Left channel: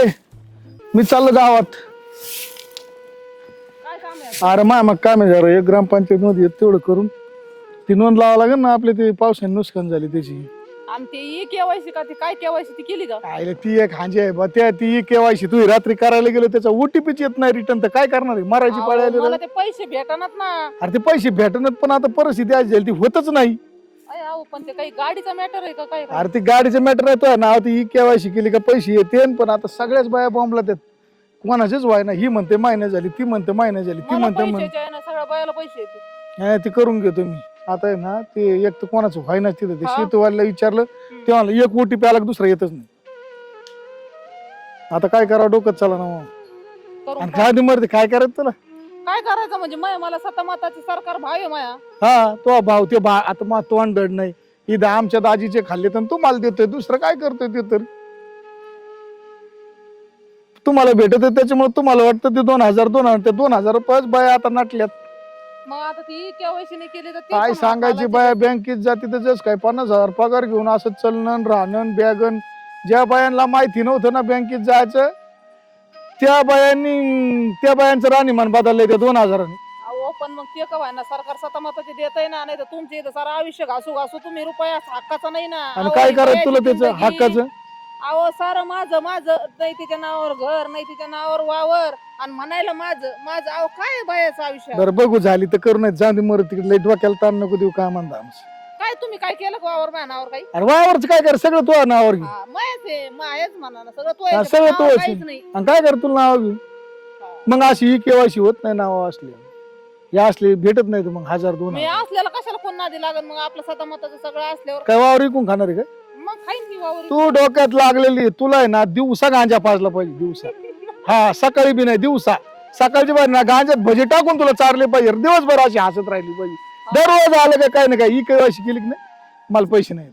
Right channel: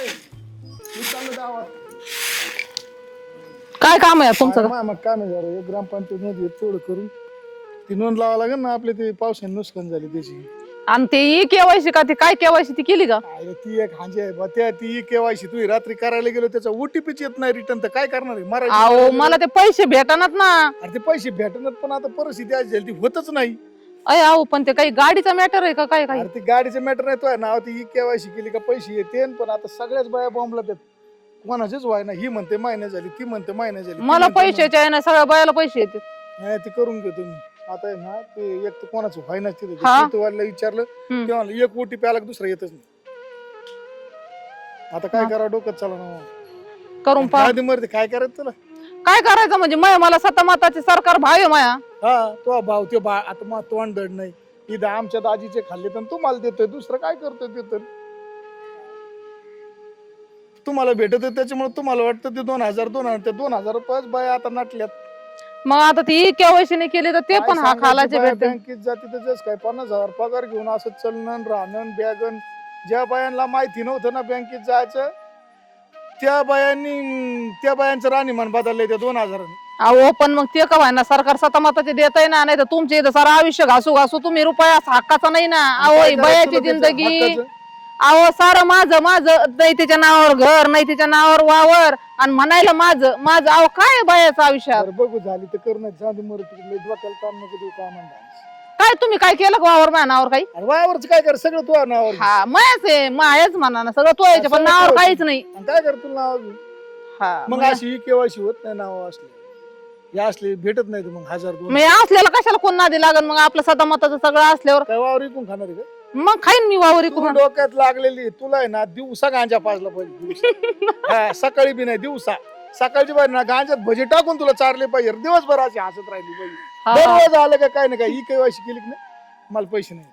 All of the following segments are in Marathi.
मी चाललो गावात. काय काम आहे अरे तुमचं मा मग काय म्हणजे जरा. एक ग्रामपंचायत मध्ये येत तेवढं करून. ती नोंद लावा लागेल ना आपली ती पावसाने नुकसान झाली त्याची. आणि ते ई केवायसी का ती काय केवायसी ती केली का? ती एक हांजी आहे बा त्या ती केवायसी तू रात्री करायला गेलो त्याचा ओटीपीच येत नाही रिटर्न तर काय करणार आहे? मराठी अहो बोलायला मला ते पैसे भेटणार ना. अरे ते पैसे भेटणार पण आता परिस्थिती आज झाली ती होतच नाही. अय अहो पण ते काही गाडीचा मॅटर आहे का? काय काय? अरे ती गाडीचं मॅटर आहे तो. नाव ती केवायसी केली का पैसे येते पण आता सगळ्याच बाया बॉम्बला त्यात कोणाचेच व्हाय ना ही म्हणते महिना झाली. ती म्हणते महिना झाली. ती मला म्हणते पैशाचे आहे ना सगळ्या बायाला पैसे येते. नाही, ती करून घेतो मी. आता आहे ना ते एक तर कोणाचं व्हायना तिथं. हा. शेतीवाल्याला विचारलं हम्म. ते म्हणलं एक ओटीपी आला की दुसरा येतच नाही? आता काय करावं? डोकं चला ना करून पहा. आधी मरते काय करायचं तुला काय करायचं म्हणजे? मय मला सतमाताचे सरकार भाव आहे माया. हा तो भाव ते भा आता मग तोंड नाही. इथं आमच्या दाजीचे खाल्ले तर तो मला देतोय दुसरं काय करतोय ते तर? तुम्हाला भेटत त्याच्यामुळे तुम्हाला वाटतं ते दोन हजार दोन हजार ते दोन हजार रुपये बाया आता नाटल्यात. मग आता ती केवायसी नाही केली तर ते काय पण हा सांगायची बाया. बँकेत जाते त्याच्याच काय पन्नास हजार पगार घेऊन असं चलणं राहणं बॅगन ज्या बायांना माहिती नव्हतं ना बँकेत जायचं त्या बायांनी त्या बायांचं राहणीमान बदललंय त्या दोन हजारांनी. अहो पण मग ते का ना सरकार सतमाताचे देत आहे ना नाही तर तुमच्या इथं सारा आयुष्य घासू घासू तुम्ही रुपया हक्काचा नाही ना. आणि अहो काय ही करायचं बयाची तुला त्याचं? जिंदगी. हक्काचं? अहो सारं माझं माझं नाही तिच्या नावावर घर नाही तिच्या नावावर वावर. आणि म्हणायला माझं माझं अहो काय बायाचं आयुष्य? बरं बघू झाली तर करू नाही जाऊन मर तिकडे. लई डोक्याला ताण नको देऊ काय म्हणता आमचं. काय तुम्ही काय केलं का वावर माझ्या नावावर काही अरे वावरच काय कर सगळं तुझ्या नावावर घे. हा मायाच आहे मायाच म्हणा ना सगळं तो यायचं पण सगळं नावावर. काहीच नाही आणि काय कर तुला नाव घेऊ हा. मग अशी ही केवायसी होत नाही नाव असले या असले भेटत नाही मग हजार दोन मग असलेला कशाला कोण नादी लागन मग आपलं सतामताचं सगळं असल्यावर काय वावर इकून खाणार आहे काय मग खाईन मी वावर तू इकडून. डोक्यात लागलेली आहे. तुला आहे ना दिवसा गांजा पाजला पाहिजे दिवसा हा सकाळी बी नाही दिवसा सकाळची बाहेर ना गांजात भजे टाकून तुला चारले पाहिजे दिवसभर अशी हसत राहिली पाहिजे. दररोज आलं काय काय नाही काय ही केवायसी केली की नाही मला पैसे नाही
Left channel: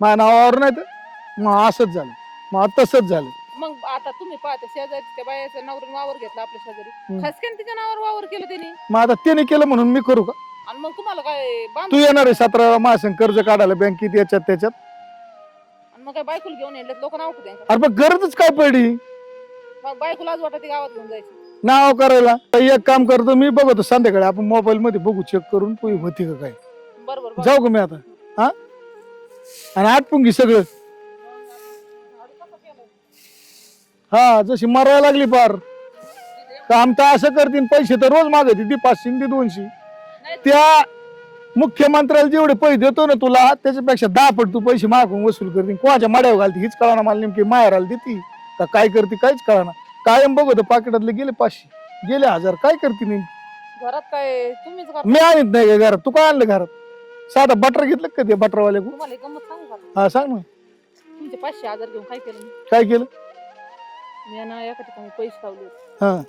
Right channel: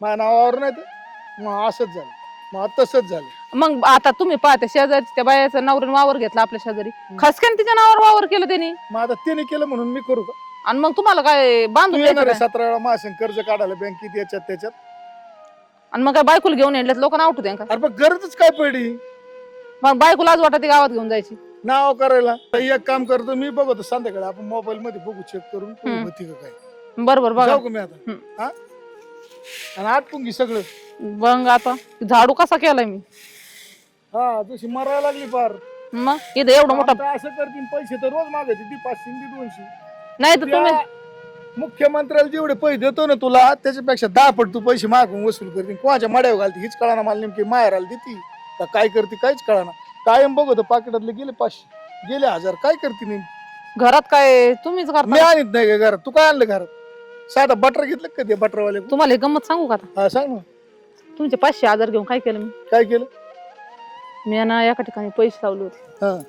माझ्या नावावर नाही तर मग असंच झालं. मग तसंच झालं. मग आता तुम्ही पाहते शेजारी त्या बायाचं नवऱ्याने वावर घेतला आपल्या शेजारी. खसक्यान तिच्या नावावर वावर केलं त्यांनी. मग आता त्याने केलं म्हणून मी करू का? आणि मग तुम्हाला काय तू बांधून येणार आहे मासन कर्ज काढायला बँकेत याच्यात त्याच्यात? आणि मग काय बायकोला घेऊन येण्यात लोक नाव ठेवते का? अरे पण गरजच काय पडली? मग बायकोला आज वाटत गावात घेऊन जायची. नाव करायला. एक काम करतो मी बघतो संध्याकाळी. आपण मोबाईल मध्ये बघू चेक करून हम्म. होती का काय. बरोबर बघा. जाऊ का मी आता? हम्म. हा? आणि आटपून घे सगळं. बघ आता झाडू कसा केलाय मी. हा जशी मरायला लागली पार. मग? इथं एवढं मोठं- असं करतील पैसे तर रोज मागते ती पाचशे आणि ती दोनशे. नाही तर त्या तुम्ही- मुख्यमंत्र्याला जेवढे पैसे देतो ना तुला त्याच्यापेक्षा दहा पट तू पैसे मागून वसूल करते. कोणाच्या मड्यावर घालते हीच कळाना मला नेमकी माहेर आली देते. का काय करते काहीच कळाना. कायम बघतो पाकिटातले गेले पाचशे. गेले हजार. काय करते नेमकी घरात काय तुम्हीच मी करता आणत नाही का घरात? तू काय आणलं घरात? साधा बटर घेतलं का ते बटरवाले तुम्हाला एक गंमत सांगू का आता? हा सांग ना. तुमचे पाचशे हजार घेऊन काय केलं मी? काय केलं? मी ना एका ठिकाणी पैसे लावले होते. हा.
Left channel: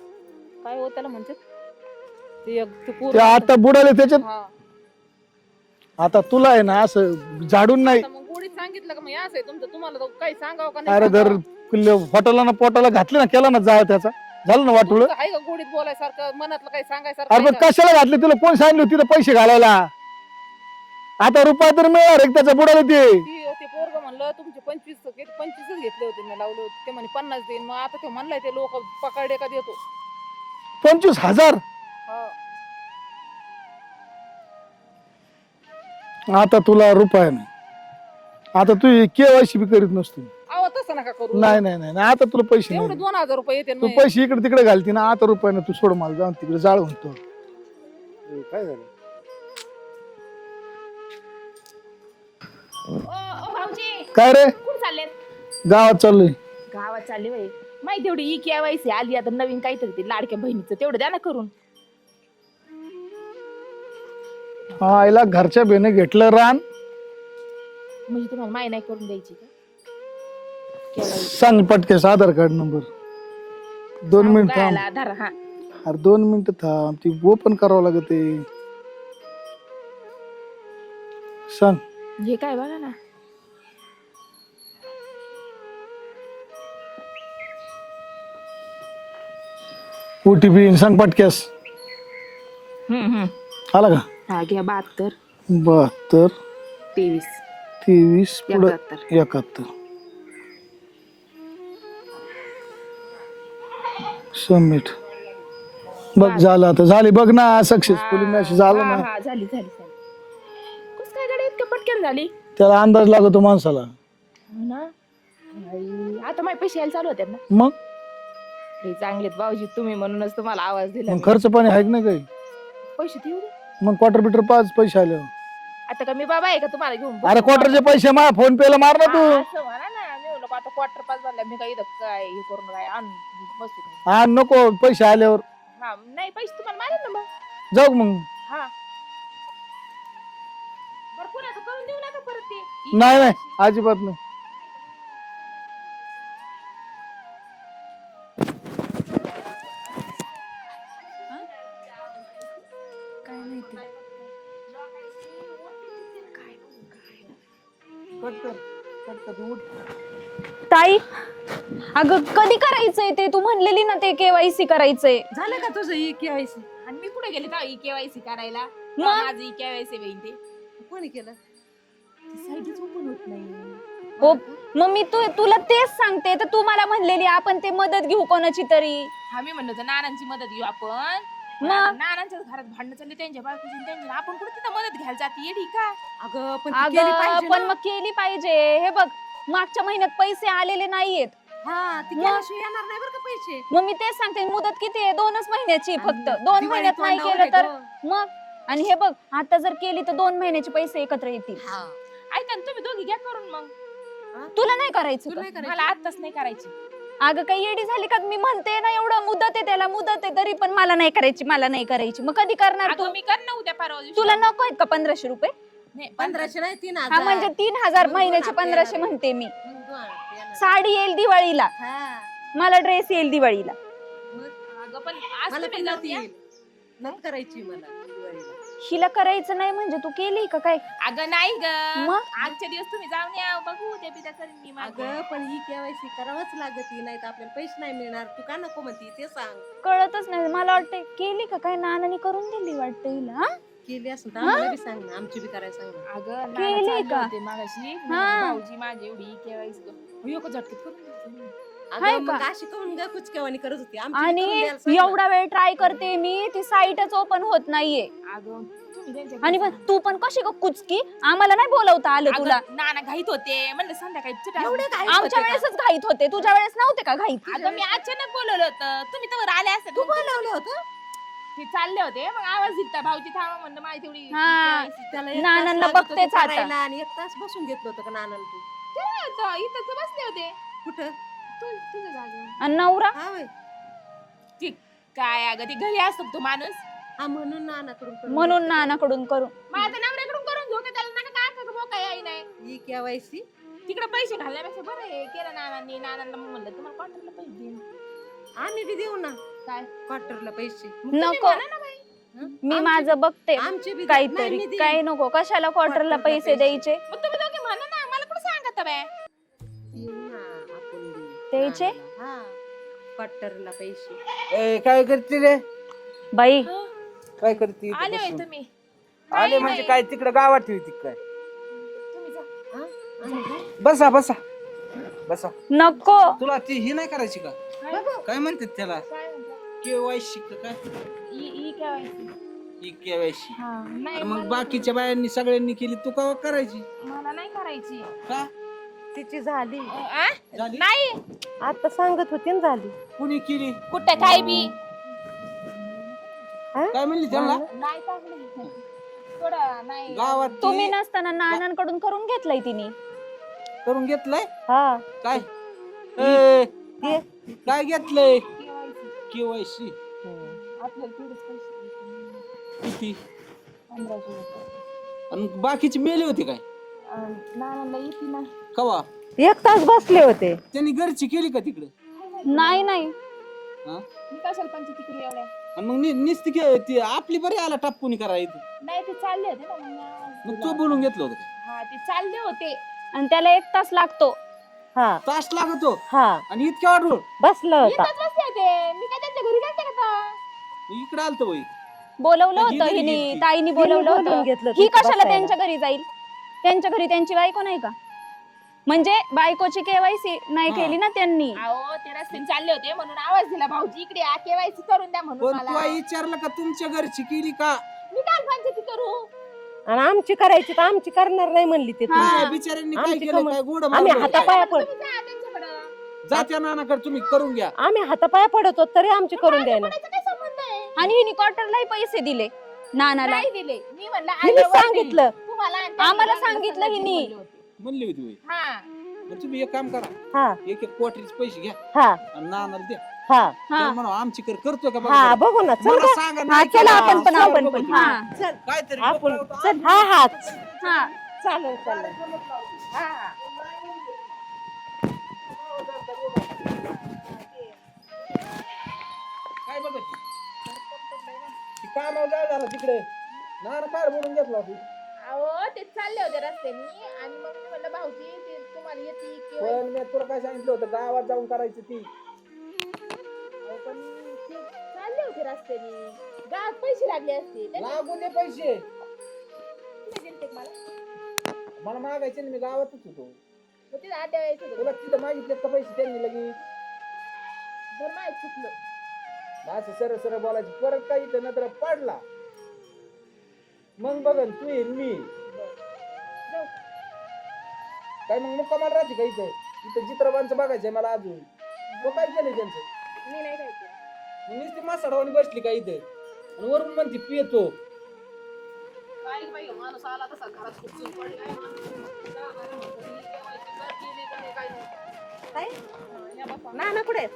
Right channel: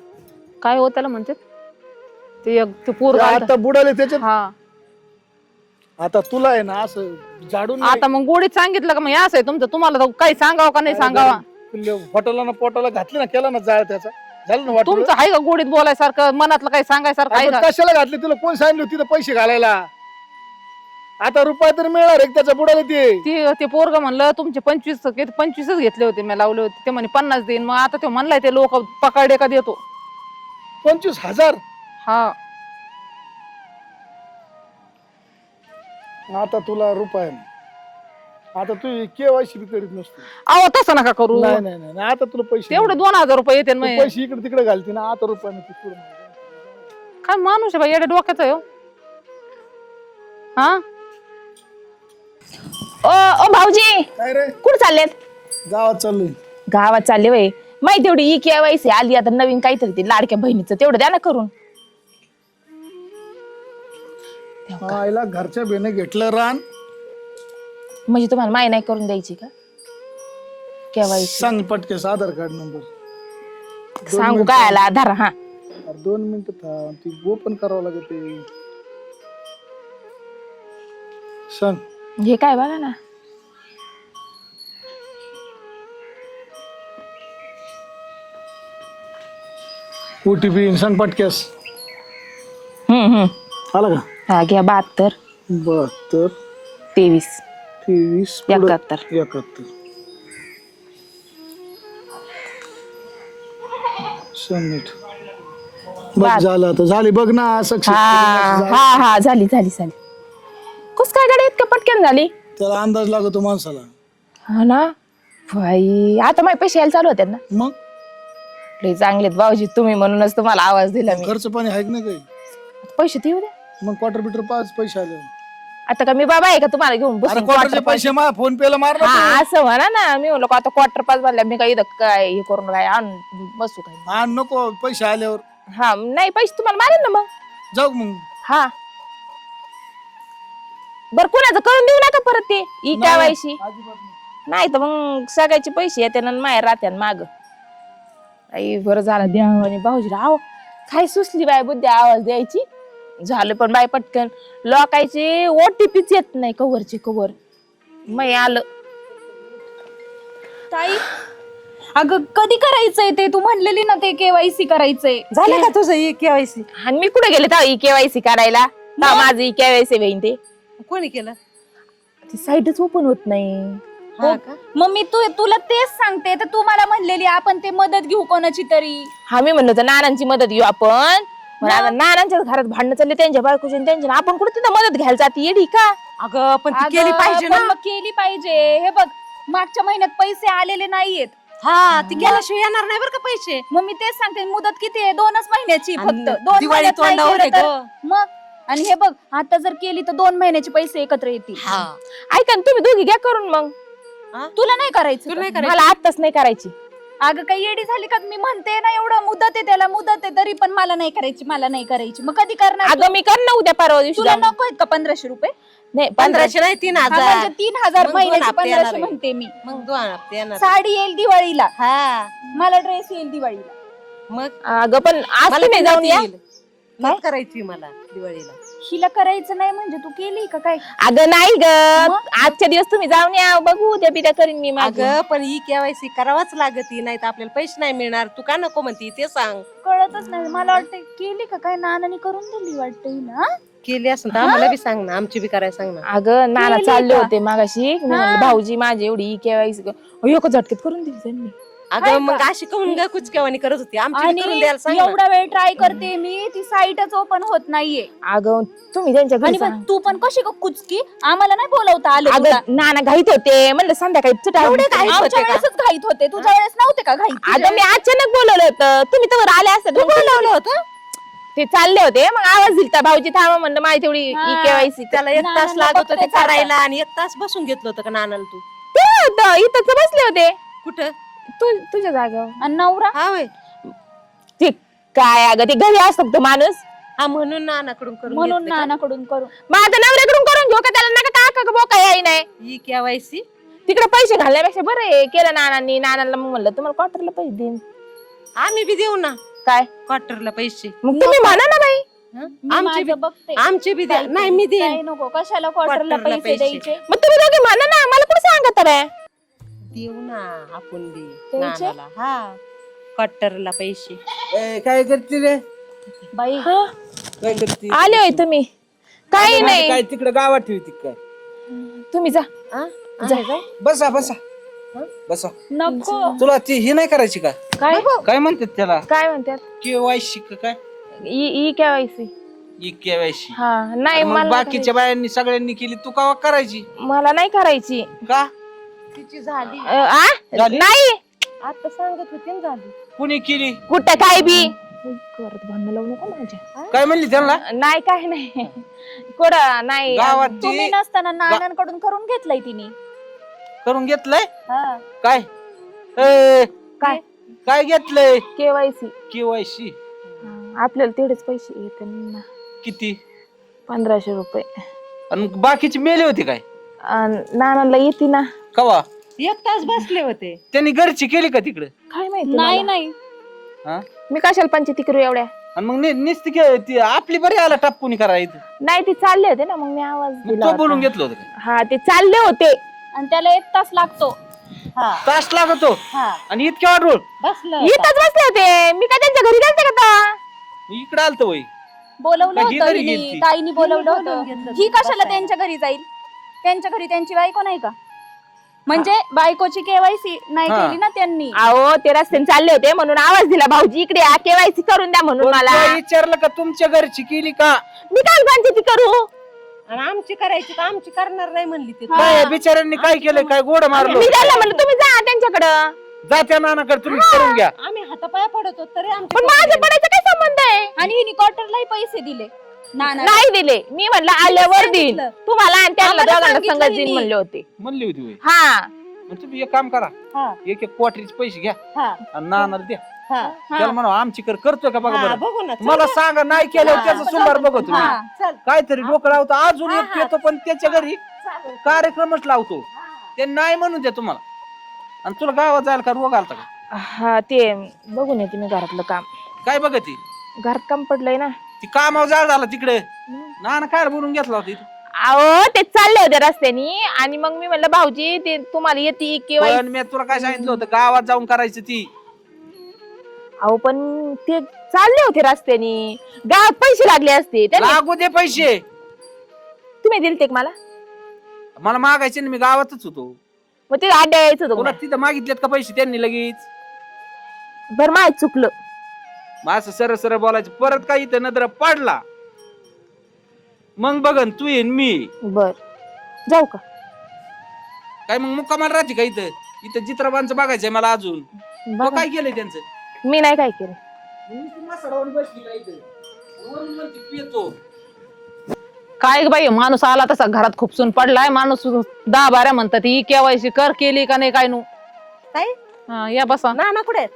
काय हो त्याला म्हणते? ते एक ते ते पूर्ण आता बुडाले त्याच्यात? हा. आता तुला आहे ना असं झाडून नाही. आता मग गोडीत सांगितलं का मग हे असं आहे तुमचं? तुम्हाला तर काही सांगावं का नाही अरे सांगावं? पोटाला ना पोटाला घातलं ना केलं ना जाळ त्याचा. झालं ना वाटलं? तुमचं आहे का गोडीत बोलायसारखं? मनातलं काही सांगायसारखं आहे आपण का? कशाला घातलं? तुला कोण सांगितलं तिथं पैसे घालायला? आता रुपया तर मिळणार एक त्याचा बुडाला ते. ती ते पोरग म्हणलं तुमचे पंचवीस किती पंचवीसच घेतले होते मी लावले होते. ते म्हणे पन्नास देईन. मग आता ते म्हणलाय ते लोक पकडे का देतो. पंचवीस हजार? हा. आता तुला रुपया नाही. आता तू केवायसी बी करीत नसतो. अहो तसं नका करू. नाही नाही नाही नाही, आता तुला पैसे तेवढे नाही. दोन हजार रुपये येते तू पैसे इकडे तिकडे घालती ना आता रुपयानं तू सोड मला जाऊन तिकडे जाळ म्हणतो. काय माणूस आहे बाई डोक्याचं आहे हो. हा? ओ ओ भाऊजी. काय रे? कुठे चाललेत गावात चाललोय. गावात चालले वय. माहिती तेवढी ई केवायसी आली आता नवीन काहीतरी ते लाडक्या बहिणीचं तेवढं द्या ना करून. हा आईला घरच्या बेने घेतलं रान. म्हणजे तुम्हाला माही नाही करून द्यायची का? सांग पटकेस आधार कार्ड नंबर. दोन सांगू मिनिट काय आला आधार हा. अरे दोन मिनिटं थांब ती ओपन करावं लागत आहे. सांग. हे काय बघा ना. ओटीपी सांग पटकेस हम्म हम्म. आला का? हा घ्या बहात्तर. बहात्तर. तेवीस. तेवीस एकाहत्तर. एकाहत्तर. सबमिट बघ झालं. आता. झाली. बघ ना सक्सेस हा हा झाली झाली झाली. कस काय गाडी इतक्या पटकन झाली? त्याला अंदाज लागतो माणसाला. हा ना? बाई आता माझे पैसे यायला चालू होते ना. मग? लई चांगलेत भाऊजी तुम्ही म्हणूनच तुम्हाला आवाज दिला मी. खर्च पाणी आहे ना काही? पैसे देऊ दे. मग क्वार्टर बिटर पाच पैसे आले. आता का मी बाबा आहे का तुम्हाला घेऊन अरे? क्वार्टरचे quarter पैसे मा फोन पे ला मार ना हा, तू. असं म्हणा ना. मी म्हणलो का आता क्वार्टर पास भरल्या मी काय इथं काय हे करून काय आणून बसू काय. हा नको पैसे आल्यावर. हा नाही पैसे तुम्हाला मारेन ना मग. जाऊ मग. हा. बर कुणाचं करून देऊ नका परत ते. ई नाही, केवायसी. अजिबात नाही. नाही तर मग सगळ्याचे पैसे येते ना माय राहत्या माग. काही बरं झालं देवाने भाऊजीला आव. काय सुचली बाय बुद्धी आवाज द्यायची? झालं पण बाय पटकन. लोकायचे ओटीपीच येत नाही कवरचे कवर. मै आलं. ताई अगं कधी करायचंय ते? तू म्हणलेली ना ते केवायसी करायचंय. झालं का तुझं केवायसी आणि मी कुठे गेले तर ई केवायसी करायला? का माझं केवायसी होईन ते. कोणी केलं? ती साईटच ओपन होत नाही. हा का? मग मी तू तुला तेच सांगते. तर तू मला म्हणलेली आपण ते मदत घेऊ कोणाची तरी. हा मी म्हणलो होतं नानांची मदत घेऊ आपण. पण मग? आता नानांच्या घरात भांडणं चालले त्यांच्या बायकोचे आणि त्यांच्या आपण कुठे तिथं मदत घ्यायला जाते? येडी का? अगं पण ती अगं, केली पाहिजे पण ना मग केली पाहिजे. हे बघ मागच्या महिन्यात पैसे आलेले नाहीयेत. हा ती गेल्याशिवाय येणार नाही बरं का पैसे? मग मी तेच सांगते मुदत किती आहे? दोनच महिन्याची फक्त. आणि दोन दिवाळी महिन्यात नाही तोंडावर केलं आहे तर मग? आणि हे बघ आता जर केली तर दोन महिन्याचे पैसे एकत्र येतील. हा. ऐका ना तुम्ही दोघी घ्या करून मग. तुला नाही करायचं तुला का? नाही करायचं? मला आत्ताच नाही करायची. अगं काही येडी झाली का? मी म्हणते ना एवढं मुदत आहे त्याला मुदत आहे तरी पण मला नाही करायची मला नाही करायची. मग कधी करणार तू? अगं मी कर ना उद्या परवा दिवशी तुला जाऊन. नको आहेत का पंधराशे रुपये? नाही पंधराशे नाही तीन हा, म्हणजे हजार तीन हजार मग दोन महिन्याचे हप्ते येणार पंधराशे आहे. म्हणते मी. मग दोन हप्ते येणार. साडी येईल दिवाळीला. हा. मला ड्रेस येईल दिवाळीला. मग? अगं पण आज मला तुम्ही जाऊन या. येईल. मग करायची मला दिवाळीला. हिला करायचं नाही म्हणजे तू केली का काय? अगं नाही ग. मग? आजच्या दिवस तुम्ही जाऊन या बघू उद्या बिद्या करीन मी माझं. अगं पण ही केवायसी करावाच लागती नाही तर आपल्याला पैसे नाही मिळणार. तू का नको म्हणती ते सांग. कळतच नाही. मला वाटतं केली का काय? नानाने करून दिली वाटतं हिला. हा? केली असं तर आम्हाला बी सांग ना आमची बी करायला सांग ना. अगं नाना केली चालले का? होते मागाशी. मी म्हणलं, हा. भाऊजी माझी एवढी केवायसी एक झटकेत करून दिली त्यांनी. अगं मग? अशी करून ग कुचकेवानी करत होती. आमची आणि करून द्यायला सांग ना. एवढा वेळ ट्राय करते मी ती साईटच ओपन होत नाहीये. अगं तुम्ही त्यांच्या घरी आणि तू पण कशी ग कुचकी? आम्हाला नाही बोलवता आलं तुला. अगं नाना घाईत होते. म्हणलं संध्याकाळी चुटा एवढे घाईत होते का? वेळेसच घाईत होते. तुझ्या वेळेस नव्हते का घाईत? अगं मी अचानक बोलवलं होतं. तुम्ही तर आले असते बोलवलं होतं? ते चालले होते. मग आवाज दिलता भाऊजी थांबा म्हणलं माझी तेवढी हा. केवायसी त्याला एक तास नानांना लागत होते बघतेच आता. करायला आणि एक तास बसून घेतलं होतं का नानाला तू? इथंच बसले होते. कुठं? तू तुझ्या जागा आणि नवरा? हा होय ते काय अगं ते घरी असतो तो माणूस. हा म्हणून नानाकडून करून म्हणून घेतलं का? नानाकडून मग आता नवऱ्याकडून करून घेऊ का त्याला? नका काका का बोका याय नाही. ही केवायसी तिकडे पैसे घालण्यापेक्षा बरं आहे. केलं नानांनी. नानाला मग म्हणलं तुम्हाला क्वार्टरला पैसे देईन. आम्ही बी देऊ ना. काय? क्वार्टरला पैसे. मग तुम्ही म्हणा ना बाई. हं? मी आमचे बी- माझं बघते. आमचे बी द्या. नाही मी काय देईन नको. कशाला क्वार्टरला क्वार्टरला पैसे पैसे. द्यायचे? मग तुम्ही दोघे म्हणा ना. मला कुठे सांगत रे देऊ ना आपण बी नानाला. हा. क्वार्टरला पैसे. ए, काय करते रे? बाई. काय करते? आले होय तुम्ही. काही नाही. काय तिकडे गावात ठेवती काय? तुम्ही जा. हा? बसा बसा. बसा. नको. तुला ती ही नाही करायची का? काय? काय म्हणतात त्याला? काय म्हणतात? केवायसी का काय? E E KYC E KYC हा नाही मग मला बाकीच्या बायांनी सगळ्यांनी केली तू का करायची? मला नाही करायची. का? तिची झाली. अ, आ? झाली? नाही. आता सांगत होती ना झाली. कुणी केली? कुठं काय बी? करत भांडणं लावू नको माझ्या. काय म्हणली त्याला? नाही काय नाही. कुठं? नाही. गावात तुम्ही नसताना नानांकडून करून घेतलंय तिने. करून घेतलंय? हा. काय? ए, काय? काय घेतलंय? केवायसी केवायसी आपल्याला तेवढेच पैसे येते ना. किती? पंधराशे रुपये. आणि बाकीची मेले होते काय? अन नानाला येते ना. कवा? एक तास बसले होते. त्यांनी घरची केली का तिकडे? काय माहिती नाही मला. नाही हा? मी कशाला पंचायती करू एवढ्या? आणि मग नि- नुसती के- ती आपली बरी आला टापून करायचं नाही ते चालले होते ना मग मी आवाज मग दिला तो होता. बोलून घेतलं होतं का? हा ते चालले होते. आणि त्याला एक तास लागतो. हा. तास लागतो. हा. आणि इतक्या वाटोळ? बसलं इथंच बसले होते. मी काय त्यांच्या घरी गेलते का आता? इकडे आलत वय. बोलवलं ही होतं घरी हिने गेलती? ताईनी बोलवलं बोलवून होतं. घेतलं ही होतं कशाला बसायला. त्यांच्या घरी जाईल? त्यांच्या घरी त्यांची बायको नाही का? म्हणजे बायकोची केवायसी नाही हा. केली ना त्यांनी. अहो ते रस्त्याने चालले होते म्हणून आवाज दिला भाऊजी इकडे केवायसी करून द्या म्हणून मला. विचारलं का तुमच्या घरची केली का? मी काय पंचायती करू? आणि आमची करायची तर आमची करणार नाही म्हणली ते. हा. काय बिचाऱ्यांनी काय केलं का काय गोड मारलं मी त्याला म्हणलं तुम्ही जा त्यांच्याकडं. जा त्या नानाकडे तुम्ही करून घ्या. आम्ही हातापाया पडतो तरी आमची पण करून माझ्या द्यायला. पडायचा काय संबंध आहे? आणि हिने क्वार्टरलाही पैसे दिले. ना ना नाही दिले मी म्हणलं आल्यावर सांगितलं. तुम्हाला आणि त्यांना आम्हाला दोघांना सांगितलं संगत देईन हिने. म्हणले होते म्हणली होती होय. हा मग तुम्ही एक काम करा हा एक एक क्वार्टरीचे पैसे घ्या हा आणि नानाला द्या हा त्याला म्हणा आमची कर करतोय का बघा हा बरं. बघू ना चल मला ना. सांगा नाही चला केलं आपण त्याचं पण सुधार आपण बघतो पण. तुम्ही. हा. चल काहीतरी डोकं लावतो अजून हा, हा. येतो पण त्याच्या घरी चालेल कार्यक्रमच लावतो हा. ते नाही म्हणून द्या तुम्हाला आणि तुला गावात जायला का रोग आलता हा ते बघून येते मी घरातलं काम काय बघ ती घरात काम पडलंय ना ती कामावर जाळ झाला तिकडे. नाना काय बोलून घेतला होता? अहो ते चालले होते रस्त्यानी. आणि मग मी म्हणलं भाऊजी ते तुम्हाला येते किंवा पण मी तुला काय सांगितलं होतं? गावात जाऊन करायचं ती. अहो पण ते चालले होते रस्त्यानी. गावात पैसे लागले असते. त्यांनी लागू दे पैसे. तुम्ही दिलते का मला? मला मागायचे ना मी गावातच होतो. मग ते आड्या यायचं होतं तुला मला. तिथं मागितलेत का पैसे त्यांनी लगेच? बरं माहीत चुकलं. मग असं सरळ सरळ बोलायचं. परत काय इथं नजर पडला. मग बघन तू येईन मी बर. जाऊ का? काय मग मुक्कामाला राहते का इथं? इथं चित्रपांचं बघायचंय मला अजून. बघा. काय केलंय त्यांचं? मी नाही काय केलं. नुसती मसाडावानी बसली का इथं? आणि वरून म्हणते तू येतो. काय बाई माणूस आला तसा घरात खुपसून पडलाय. माणूस दहा बारा म्हणतात ही केवायसी कर केली का नाही काय नु ताई? हा, या बसा. नाना कुठे आहेत?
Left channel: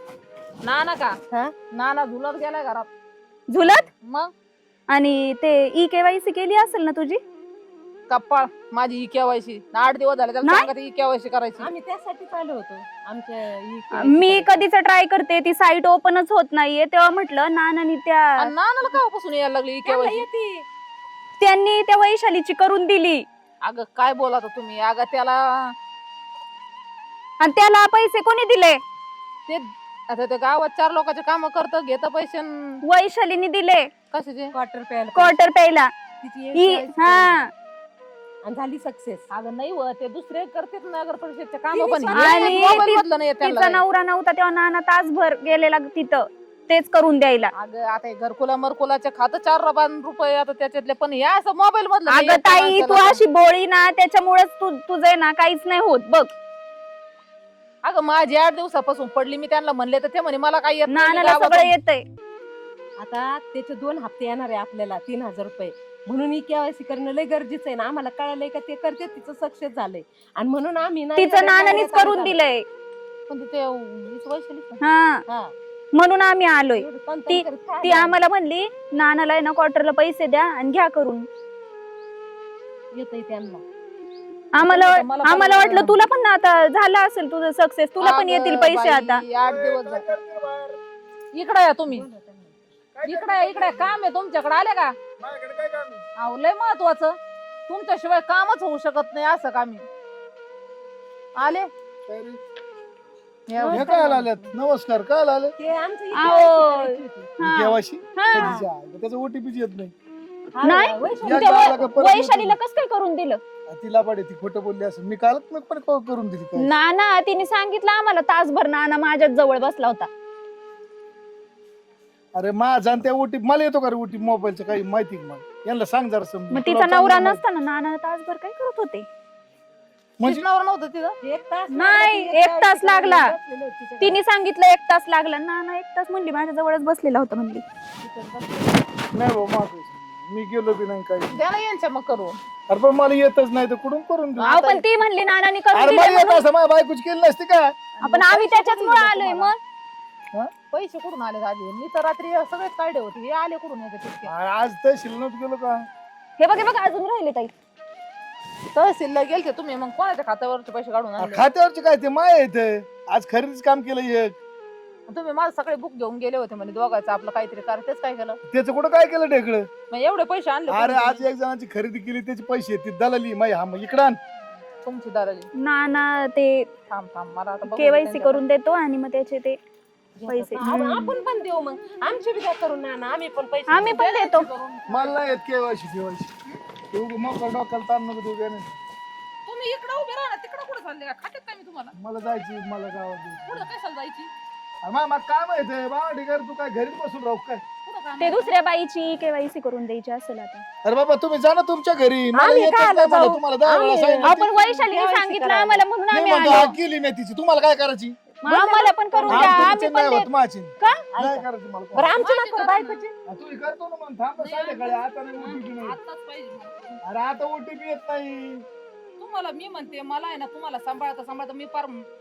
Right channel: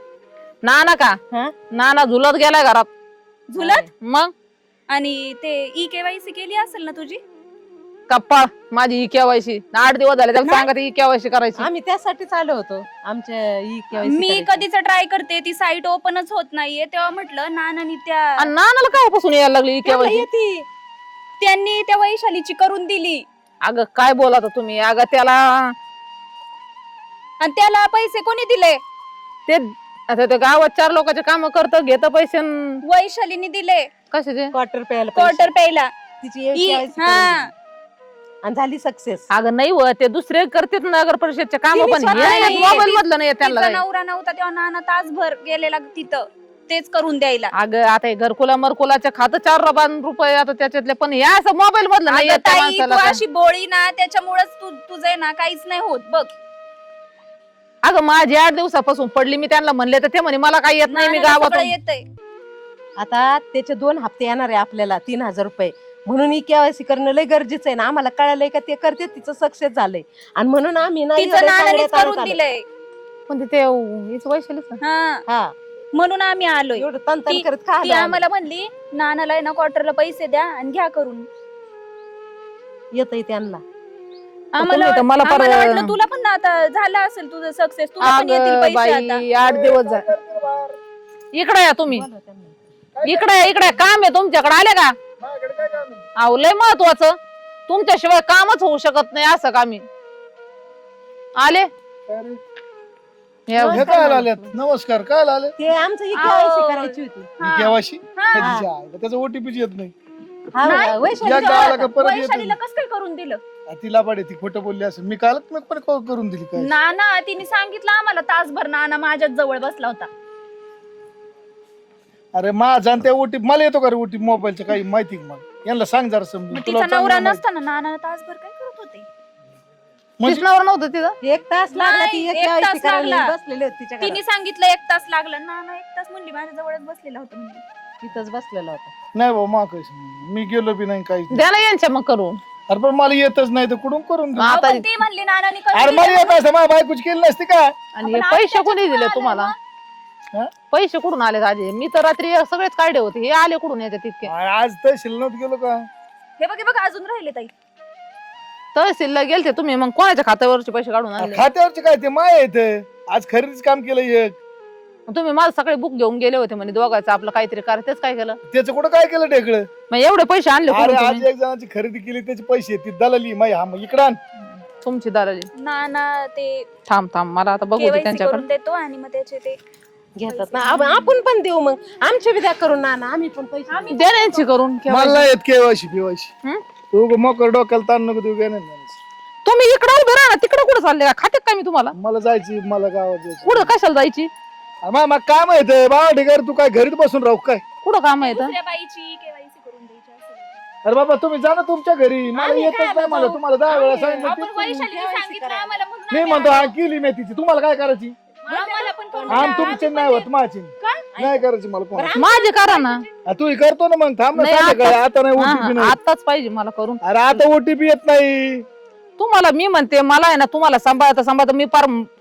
नाना का? हा? नाना झुलत गेलाय घरात. झुलत? मग? आणि ते ई केवायसी केली असेल ना तुझी? कप्पा माझी ही केवायसी आठ दिवस झाले त्याला नाही. सांगा ही केवायसी करायची. आम्ही त्यासाठीच आलो होतो. आमच्या ई KYC मी करायची. कधीच ट्राय करते ती साईट ओपनच होत नाहीये. तेव्हा म्हटलं नानानी त्या नानाला काय पासून यायला लागली ही त्याला केवायसी येते. त्यांनी त्या वैशालीची करून दिली. अगं काय बोलात तुम्ही? अगं त्याला आणि त्याला पैसे कोणी दिले? ते आता ते गावात चार लोकांचे काम करत घेत पैसे अन वैशालीने दिले. कशाचे? क्वार्टर प्यायला क्वार्टर प्यायला. तिची हा. आणि झाली सक्सेस अगं नाही व ते दुसरे करतात नगर परिषदचे काम तिने पण स्वतः हे नाही, मोबाईल ती- मधलं नाही त्यांना तिचा काही. नवरा नव्हता तेव्हा नाना तासभर गेलेला तिथं. तेच करून द्यायला. अगं आता हे घरकुला मरकुलाचे खातं चार रुपये रुपये आता त्याच्यातले पण हे असं मोबाईल मधलं नाही अगं येत त्या ताई तू माणसाला. अशी बोळी ना त्याच्यामुळेच तू तुझं आहे ना काहीच नाही होत. बघ. अगं माझी आठ दिवसापासून पडली मी त्यांना म्हणले तर ते म्हणे मला काही येत नाही मी येतंय. आता त्याचे दोन हप्ते येणार आहे आपल्याला तीन हजार रुपये. म्हणून ही केवायसी करणं लय गरजेचं आहे ना आम्हाला कळालंय का ते करते तिचं सक्सेस झालंय. आणि म्हणून आम्ही ना तिचं एवढ्या नानानेच चांगल्या करून तारखाला- दिलंय. पण ते हीच वैशालीच ना. हा. हा. म्हणून आम्ही आलोय. एवढं ती- करत काय ती आलं? आम्हाला म्हणली नानाला आहे ना क्वार्टरला पैसे द्या आणि घ्या करून. येतंय त्यांना. आम्हाला तुम्ही तर मला फार- आम्हाला वाटलं तुला पण आता झालं असेल तुझं सक्सेस तुला पण येतील अगं पैसे आता. बाई आठ दिवस झाले. इकडे या तुम्ही. इकडे या, इकडे या. काम आहे तुमच्याकडे. आले का? अहो लय महत्वाचं. तुमच्याशिवाय कामच होऊ शकत नाही असं कामी आले? या, हे काय आल्यात नमस्कार काय आले ते आमचं ही आओ. केवायसी करायची होती. हा. केवाशी हा. त्याचा ओटीपी येत नाही. हा. वैशाली गावाला का परत येत वैशालीला कस काय करून दिलं? नाही. तिला पाडे ती खोटं बोलली असेल. मी कालच मग पण call करून दिली काय ना ना तिने सांगितलं आम्हाला तासभर नाना माझ्याच जवळ बसला होता. अरे माझा आणि त्या ओटीपी मला येतो का रे ओटीपी मोबाईलचं काही माहिती का मला? यांना सांग जरा समजून. मग तुला तिचा नवरा चांगलं नसताना नाना तासभर काय करत होते? म्हणजे- कृष्णावर नव्हतं तिथं एक तास लागला नाही, एक तास लागला. बसलेले होते तिच्या तिने घरात. सांगितलं एक तास लागला. नाना एक तास म्हणली माझ्या जवळच बसलेला होता म्हणली. तिथंच बसलेले. नाही भाऊ मा मी गेलो बी नाही काही. द्या ना यांच्या मग करून. अरे पण मला येतच नाही तर कुठून करून ती म्हणली नानाने अरे मला दिलं. येत असं माझ्या बायकोची केली नसती का? आणि आपण हे आम्ही पैसे कोणी दिले तुम्हाला? मग. पैसे कुठून आले आधी मी तर रात्री सगळेच काढले होते. हे आले कुठून येते तितके? आज तहसील नव्हतं गेलो का? हे बघ हे बघ अजून राहिले ताई. तहसीलला गेलते तुम्ही? मग कोणाच्या खात्यावरचे पैसे काढून आणले? खात्यावरचे काय ते माय येते आज खरेदीच काम केलं एक. तुम्ही माझं सगळे बुक घेऊन गेले होते म्हणे दोघायचं आपलं काहीतरी करा तेच काय केलं? त्याचं कुठं काय केलं ढेकळं? मग एवढे पैसे आणले अरे कुठून आज तुम्ही? एक जणांची खरेदी केली त्याचे पैसे ती दलाली माई हा मग इकडं आण. तुमची दादाजी नाना ते थांब थांब मला आता बघू दे केवायसी त्यांच्याकडे. करून देतो आणि मग त्याचे ते घेतात पैसे. ना. आप- आपण पण देऊ मग. आमच्या विद्या करून ना आम्ही पण पैसे आम्ही ना यांची करून मला येत केवायशी हं? केवायशी तू मोकर डोक्याला ताण नको देऊ नाही. तुम्ही इकडे उभे राहा ना तिकडे कुठे चालले? का खाते काय मी तुम्हाला? मला जायची मला गावात जायचं. कुठं कशाला जायची? मामा काय माहितीये बाबा ढिगार तू काय घरीच बसून राहू काय कुठं काम आहे इथं? दुसऱ्या बाईची केवायसी करून द्यायची असेल आता अरे बाबा तुम्ही जा ना तुमच्या घरी मला आम्ही येतच काय नाही मला? तुम्हाला दहा वेळा आम्ही- सांगितलं आपण वैशालीने सांगितलं. आम्हाला म्हणून मी आम्ही म्हणतो हा आलो. केली मेथीची तुम्हाला काय करायची मग आम्हाला पण करून द्या. आणि आम्ही तुमचं पण नाही ते- होत माझी काय? नाही करायची मला कोण. बरं, आमचं माझे करा ना तू करतो ना मग थांब ना नाही, संध्याकाळी. आता- आता नाही हा, ओटीपी हा, नाही आताच पाहिजे मला करून अरे आता ओटीपी येत नाही तुम्हाला मी म्हणते मला आहे ना तुम्हाला सांभाळता सांभाळता मी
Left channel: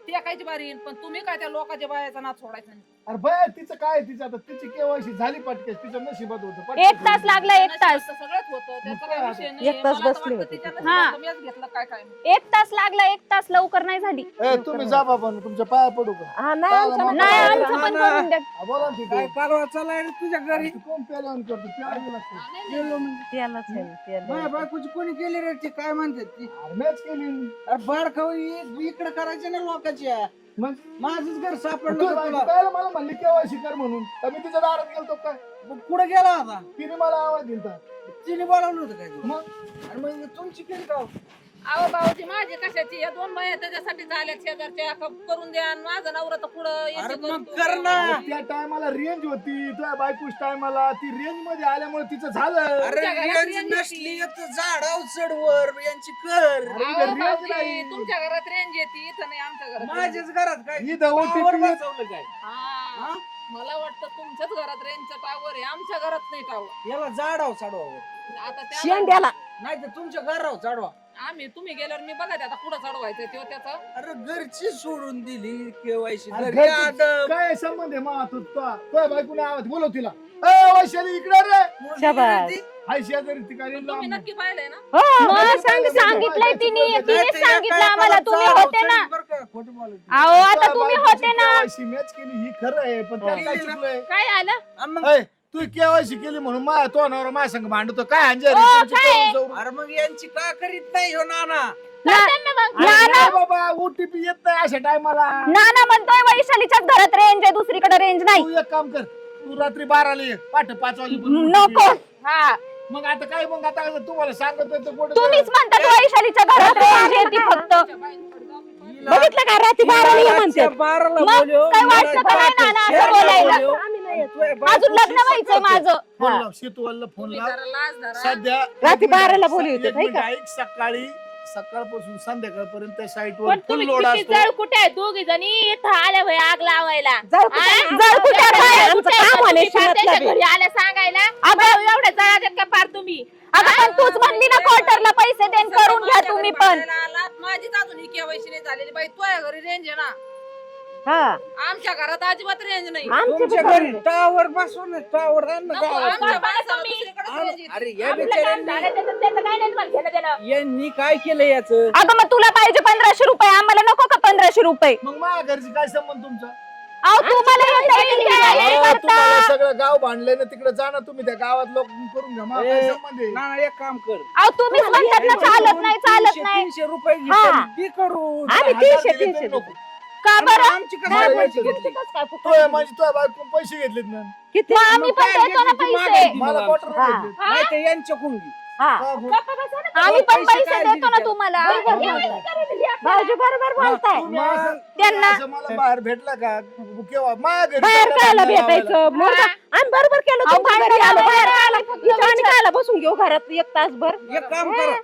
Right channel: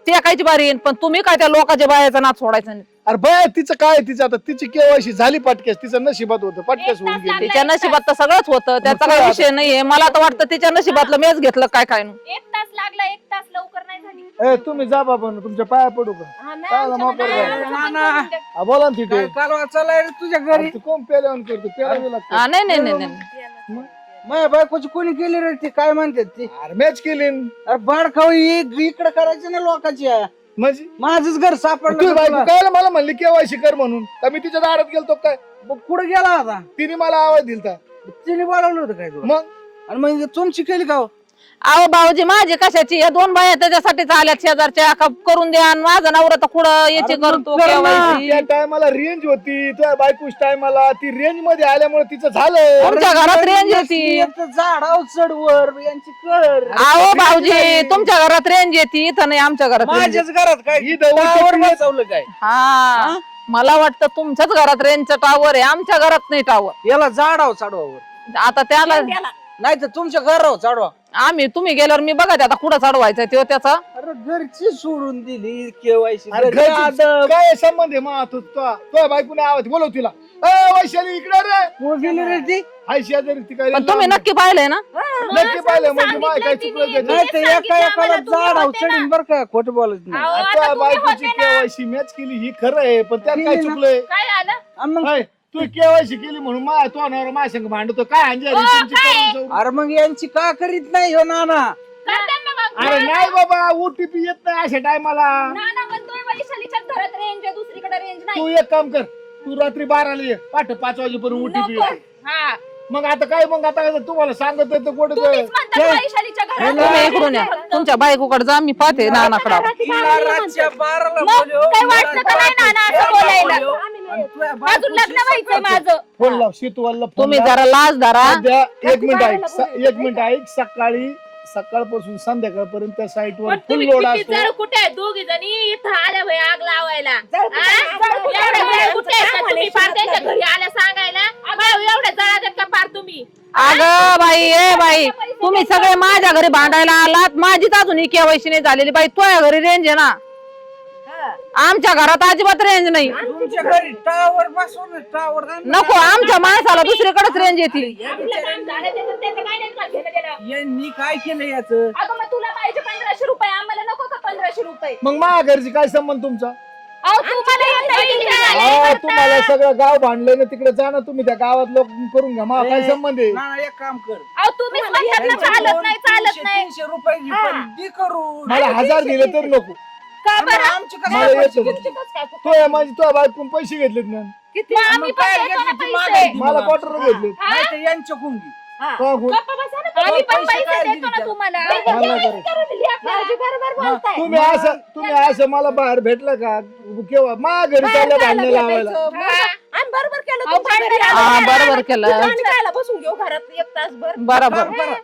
पार टेकायची बारी येईन पण तुम्ही काय त्या लोकांच्या बायाचा नाच सोडायचा नाही अरे बाय तिचं काय आहे तिचं आता तिची केवायशी झाली पटकेस तिचं नशिबात होतं एक पटकेस तास होऊन गेली. लागला. तिच्या एक तास. नशिबात तर सगळंच होतं त्याचा काही विषय नाहीये मला तर वाटतं तिच्या नशिबातलं मीच घेतलं काय काय नाही. एक तास लागला एक तास लवकर नाही झाली ए, तुम्ही जा बाबा तुमच्या पाया पडू का नाही काय. आमचं पण करून द्या. हा, बोला ना तिथे कालवा चालाय रे तुझ्या घरी अरे, तू कोण पेल्यावर करतो पेलावी लागतं हा, नाही नाही नाही नाही. माझ्या बायकोची कोणी केली रे ती काय म्हणते ती अरे मॅच केली न. अरे बाडखाऊ इकडे करायची ना लोकांची म्हणजे? माझंच घर सापडलं बायको तुला. काय मला म्हणली केवायशी कर म्हणून. का मी तिच्या दारात गेलतो काय? मग कुठं गेला होता? तिने मला आवाज दिलता. तिने बोलावलं होतं काय तुला? मग? आणि मग तुमची केली का हो? अहो भाऊजी माझी कशाची? या दोन बाया त्याच्यासाठी आल्यात शेजारच्या. का करून द्या आणि माझा नवरा तर कुठं याची करतो. त्या टायमाला रेंज होती तुझ्या बायकोच टायमाला ती रेंजमध्ये आल्यामुळे तिचं झालं तुमच्या घरात रेंज येते झाडाव चढवर यांची कर. अहो भाऊजी तुमच्या घरात रेंज येते इथं नाही आमच्या घरात range. येते. माझ्याच घरात काय? ही टावर टिपली. काय? हा. मला वाटतं तुमच्याच घरात रेंजचं टावर आहे आमच्या घरात नाही टावर याला झाडाव चढवावर आता त्याला. नाही तर तुमच्या घरावर चढवा आम्ही तुम्ही गेल्यावर मी बघा आता कुठं चढवायचं तो त्याचा. अरे घरची सोडून दिली केवायसी. अरे काय संबंध आहे मग तू? तुझ्या बायकोने आवाज बोलव तिला. ए, वैशाली इकडे रे. हाय शेजारी ती काय पण तुम्ही नक्की पाहिलंय ना? मग असं पाहिलं म्हणजे सांगितलंय बाय, काय तिने, चुकलं तिने सांगितलं आम्हाला, तुम्ही होते ना. बर का खोट बोलत नाही. अहो, आता तुम्ही होते ना. केवायसी मॅच केली ही खरं आहे पण त्यात काय केली ना. चुकलंय? काय आलं? आणि मग- ए, तू केवायसी केली म्हणून मा तो नवरा माझ्या संग भांडतो काय? करून जाऊ. अरे मग यांची का करीत नाही हो नाना करताना मग अरे नाना नाही बाबा ओटीपी येत नाही अशा टायमाला नाना म्हणतोय वैशालीच्याच घरात रेंज आहे दुसरीकडे रेंज नाही तू एक काम कर तू रात्री बाराला ये पाठ पाच वाजेपर्यंत नको OTP. हा मग आता काय मग आता काय तुम्हाला सांगत तर कुठं तुम्हीच म्हणता वैशालीच्या घरात range येते. फक्त. तुमच्या बायकोकडे जा मी पाहते आमच्या नानाकडे घरात बारा ये म्हणते. बाराला मग बोलव. काय वाटतं का नाही नाना असं बोलायला अजून लग्न व्हायचंय माझं फोन लाव फोन तुम्ही लाव. जरा लाज धरा सध्या एक रात्री मिनिट बाराला ऐक, बोलवतो, एक नाही मिनिट ऐक सकाळी सकाळपासून संध्याकाळपर्यंत त्या पण फुल तुम्ही लोड किती असतो जळ कुठे आहे? दोघी जणी इथं आल्या होय आग लावायला जळ कुठे आ? आहे? जळ कुठे आहे? आमचं कुठे आहे? काम आलंय तुम्ही पार शिरतलं त्याच्या बी. घरी आल्या सांगायला भाऊ एवढ्या जळात का पार तुम्ही अगं बाई ए बाई तुम्ही सगळे माझ्या घरी. भांडायला आलात माझीच अजून ही केवायसी नाही झालेली बाई तुझ्या घरी रेंज आहे ना हा. आमच्या घरात अजिबात रेंज नाही. तुमच्या घरी टावर टावर नको आमच्या माणसाला दुसरीकडेच रेंज येते. आपलं काम झालं त्याचं त्याचं काय नाही तुम्हाला घेणं देणं. यांनी काय केलं याच? अगं मग तुला पाहिजे पंधराशे रुपये आम्हाला नको का पंधराशे रुपये? मग माझ्या घरची काय संबंध तुमचा? अहो तुम्हाला येत नाही तिथे आलेले अहो, करता. तुम्हाला सगळं गाव भांडलंय ना तिकडे जा ना तुम्ही त्या गावात लोक करून घ्या मला काय संबंध आहे? नाना एक काम कर. अहो तुम्हीच म्हणतात ना चालत नाही चालत तीनशे- नाही. तीनशे रुपये हा. मला हजार दिले तर नको. का बरं आमची कसं मला पैसे येतं. घेतले? तो माझी तुझ्या बायकून पैसे घेतलेत ना किती मग आम्ही पण देतो ना पैसे मला हा. घेतले नाही तर यांच्याकडून घे. हा. का गो? गप्प बसा ना. आम्ही पण पैसे पैसे काय देतो ना दिले? तुम्हाला मला करा. भाऊजी बरोबर बोलताय तुम्ही असं तुम्ही त्यांना- असं मला बाहेर भेटलं का केव्हा माझ्या घरी बाहेर चाललं कायला भांडणं लावायला. भेटायचं मग आम्ही बरोबर केलं अहो, तुमच्या घरी भांडण आलो. लावायला. बरोबर केलं बसून घेऊ घरात एक तासभर बरोबर काम करा.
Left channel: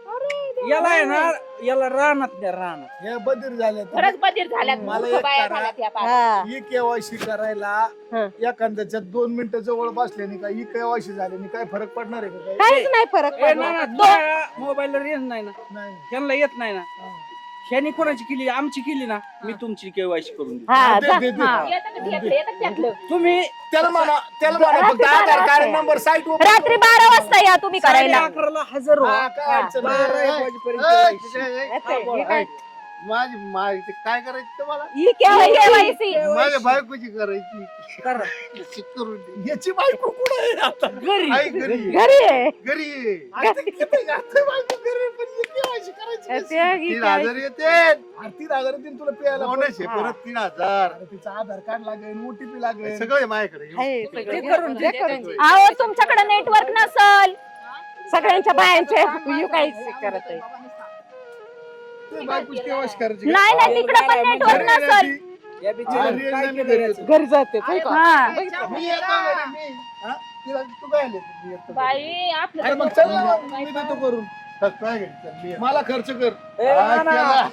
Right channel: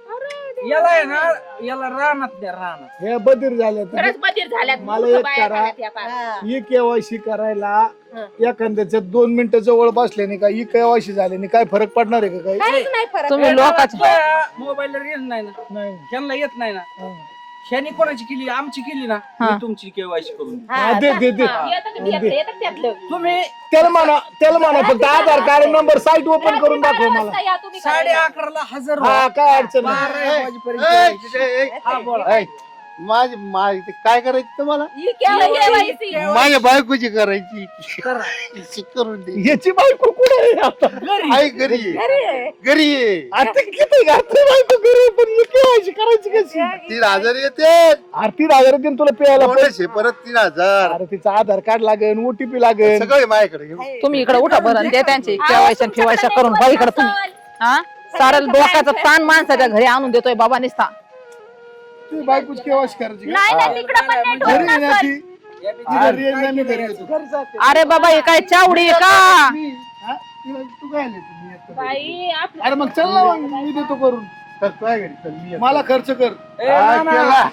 याला आहे ना याला राहणार द्या राहणार हे बधीर झालं खरंच बधीर झाल्यात मला मूर्ख एक बाया करा. झाल्यात या पार. हा. ही केवायसी करायला हा. एखाद्याच्या दोन मिनिटं जवळ बसल्याने का ही केवायसी झाल्याने काय फरक पडणार आहे का काही काहीच नाही फरक तुम्ही लोकांचं मोबाईल येत नाही ना नाही त्यांना येत नाही ना हा. ह्यानी कोणाची केली आमची केली ना हा. तुमची केवायसी करून देईन. हा, हा, दे दे दे हा, येतं का त्यातलं, येतं का त्यातलं? तुम्ही त्याला म्हणा त्याला म्हणा फक्त Aadhaar card number site open रात्री करून बारा दाखव मला. वाजता या तुम्ही साडे करायला अकराला हजर व्हा. हा काय अडचण नाही बारा एक वाजेपर्यंत हा, बोला. माझी माझी काय करायचं तुम्हाला? ही केवायसी. माझ्या बायकोची करायची. करून दे. याची बायको कुठे आहे आता? आई घरी घरी आहे. घरी ये. आता किती घातली बायको घरी पण ही केवायसी करायची कशी? तीन हजार येते. आरती हजार देईन तुला प्यायला पैसे. परत तीन हजार. अरे तिचं आधार कार्ड लागेल ओटीपी लागेल. सगळे माझ्याकडे. तुम्ही इकडे उठा बरं आणि ते त्यांची ठेवायच्या करून बघ इकडे तुम्ही. नसल. हा? सारं सगळ्यांच्या डोक्याचं बाहेर ताण माणसाच्या घरी आणून देतोय बाबा निसता. तू बायकोच केव्हाच करायची? नाही पण नाही घरी. ती नाही, घरी. अरे बाबा हे काय चावडी आहे का मी- हा? तिला तू काय आली? मी येतो घरी. बाई आपलं अरे मग चल ना मग मी देतो करून तर काय घरी चल मी येतो. मला खर्च कर हा, केला.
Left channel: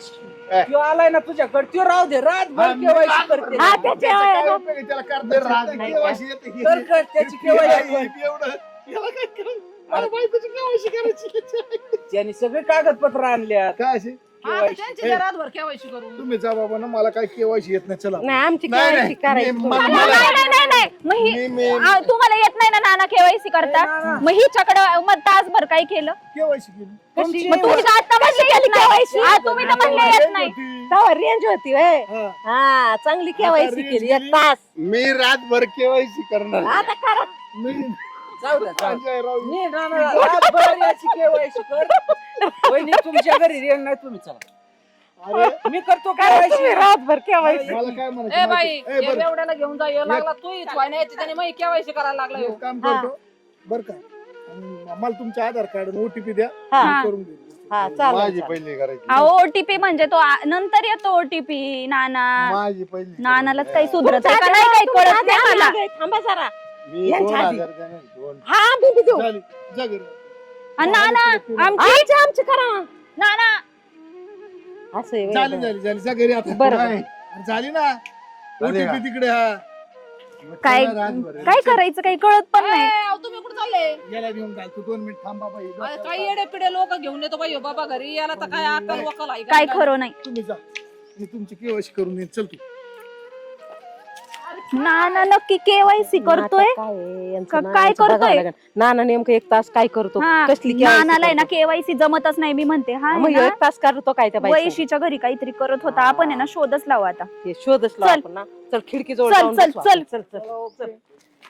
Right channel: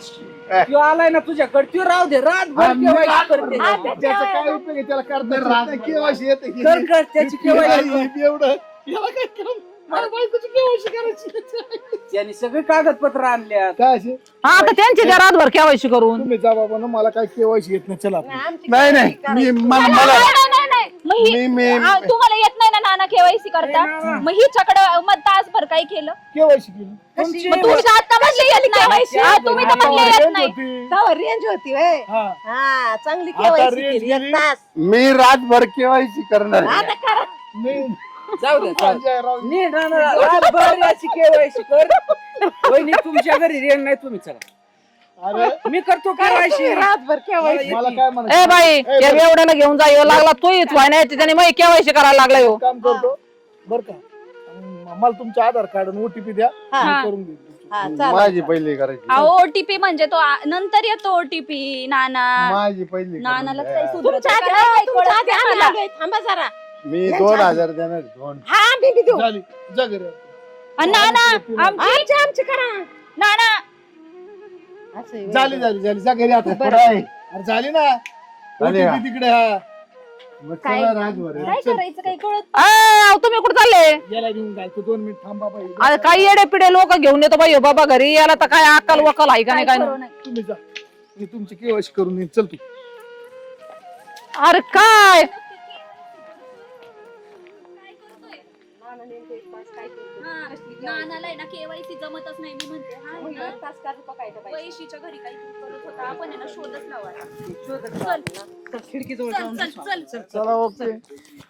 त्यो आलाय ना तुझ्याकडे त्यो राहू दे हा, मी केव्हा रात करते. त्याचा काय उपयोग आहे? त्याला करता रात येत नाही. भर. केव्हाशी येतं हे. कर कर त्याची हे केव्हा हे एवढं याला काय करू? मला बायकोची केव्हाशी करायची त्याने सगळे कागदपत्र आणल्यात. काय असे? हा तर त्यांची द्या रातभर केवायशी करून. तुम्ही जा बाबा ना मला काय केव्हाशी येत नाही चला. नाही आमची नाही KYC नाही करायची. मी- मला नाही, मला नाही, नाही, नाही. मग ही- मी- मी- आ, तुम्हाला येत नाही ना नाना केवायसी करता मग हिच्याकडं मग तासभर काय केलं? केव्हाशी केली. कशी? मग तुम्ही तर आता म्हणले येत नाही. हा, तुम्ही तर म्हणले येत नाही. होती. तेव्हा रेंज होती व्हय. हा. हा चांगली आता केवायसी गेली. तास. मी रातभर केवायसी करणार. आता करा. मी- जाऊ दे नी रातभर याची केवायसी कर. वहिनी तुमच्या घरी रेंग नाही तुम्ही चला. अरे, मी करतो केवायसी. रातभर केवायसी. मला काय ए म्हणायचं बाई ए, या बरं, एवढ्याला घेऊन जा येऊ लागला तोच व्हाय नाही त्याने मग केवायशी करायला लागला हो काम करतो. बर का? मला तुमचं आधार कार्ड ओटीपी द्या. हा. मी करून देतो. हा चालेल, माझी चालेल. पहिली करायची. अहो ओटीपी म्हणजे तो आ- नंतर येतो ओटीपी नाना. माझी पहिली नानालाच काही. सुधरत आहे का? नाही काही कळत नाही मला. थांबा जरा. मी दोन हजार देणार दोन. हा मी बी देऊ. झाली. जा घरी. नाना आमची आमची करा. नाना. असं आहे. झाली झाली झाली. जा घरी आता. बरं. काय? अरे झाली ना. झाली तिकडे हा. मग काय-. काय करायचं काही कळत पण नाही. अहो, तुम्ही कुठे चालले? याला घेऊन दोन मिनिट थांबा बाई अरे काही येडे पिढे लोक घेऊन येतो बाई हो बाबा घरी. याला तर काय अक्कल वकल आहे का काय नाही काय खरं नाही. तुम्ही जा. मी तुमची केवायसी करून देईन चल तू. अरे काय नाना नक्की केवायसी करतोय काय आहे, यांचं का- नानाचं काय करतोय? लागेल. नाना नेमकं एक तास काय करतो हा, कसली KYC नानाला आहे ना? केवायसी जमतच नाही मी म्हणते हा मग ह्यो एक तास करतो काय त्या बाईचा? वैशीच्या घरी काहीतरी करत होता आपण आहे ना शोधच लावू आता ते शोधच लावू चल. आपण ना. चल खिडकी जवळ चल जाऊन चल बसू चल आपण. चला ओके